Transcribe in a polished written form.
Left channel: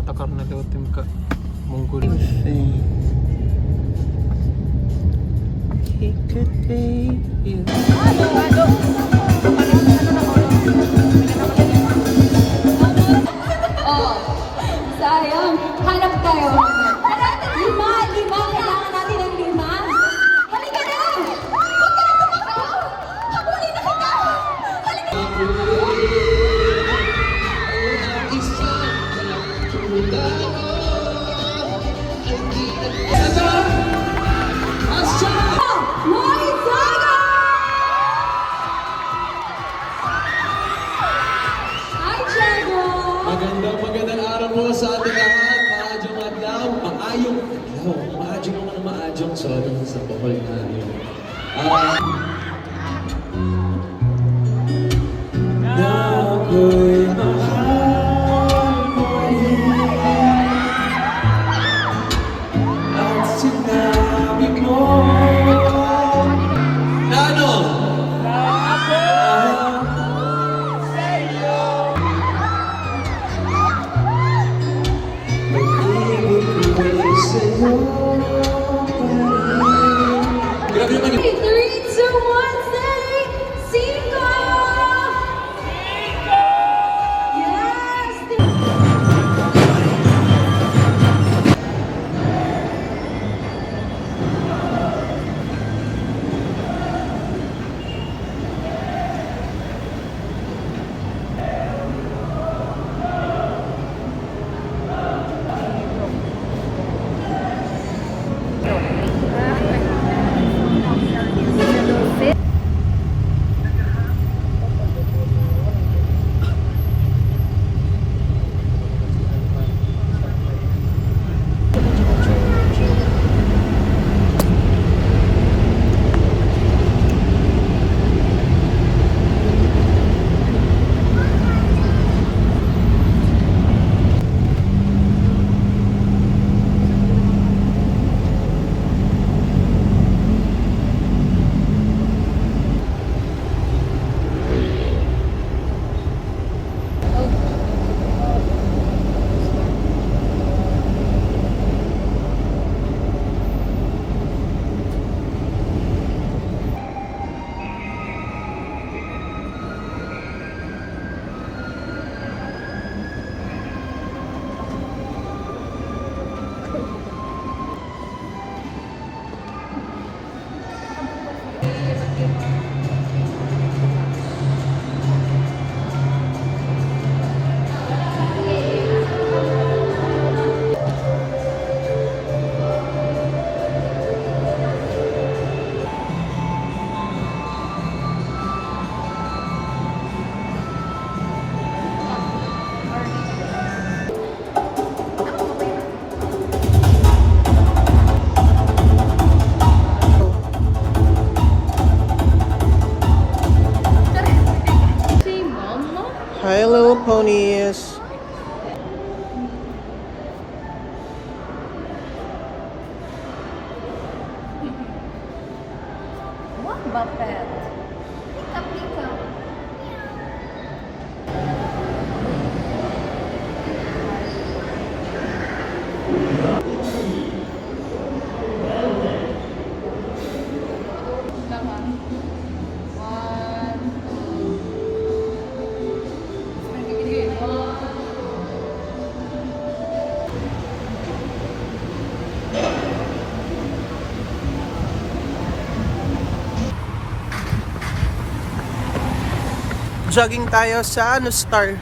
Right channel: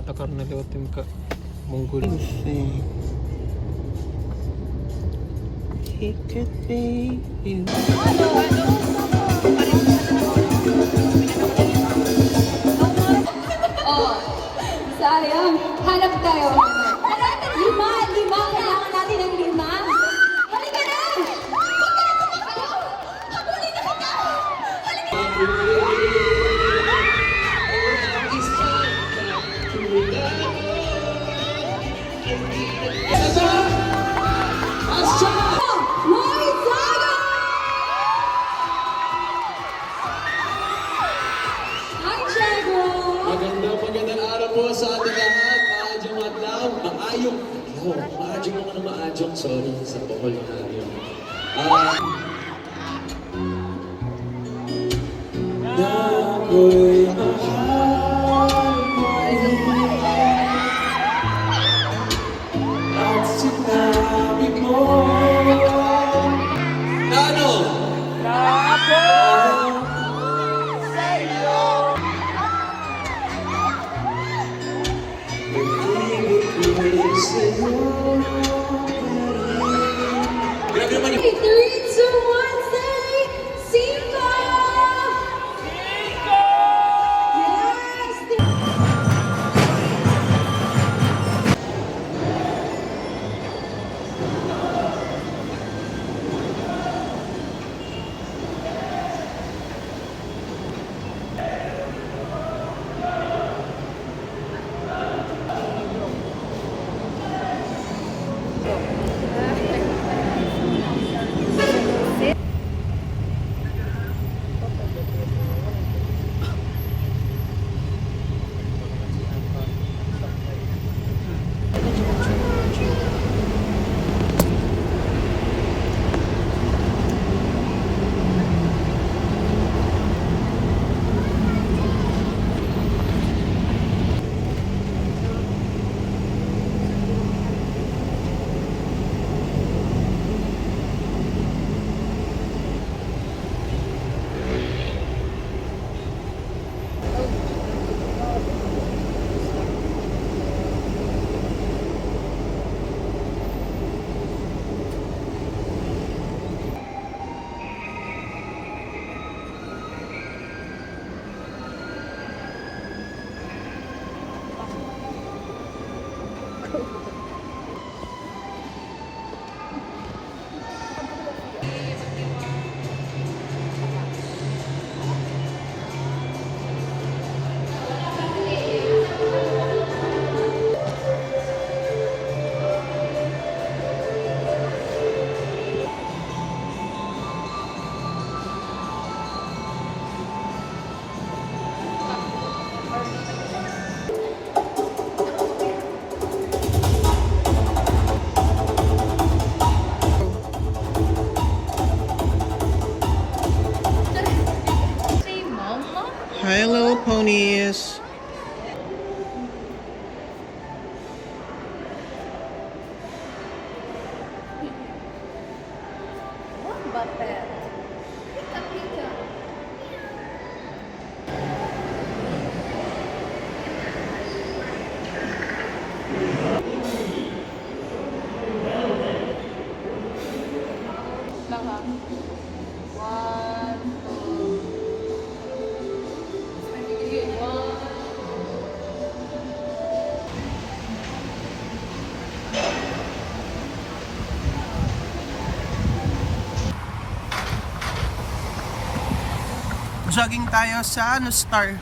आता करण्यात होते का मंगोळी. Oh, sayang. Hanap tayo. Lima. Kailangan natin ng lima. Halika na! Huwag ka na tumakbo! Habulin na kita! Halika na! Magandang araw po sa ating lahat. Maayong, sorry sa bukol na yun. Na ako'y mahal mo at sinabi mo na ano? Na ako sa'yo. Grabe naman yung 3, 2, 1, say, Cinco! Yes! Hi, little ponies. What butter? Pika. Jogging tayo sa Star.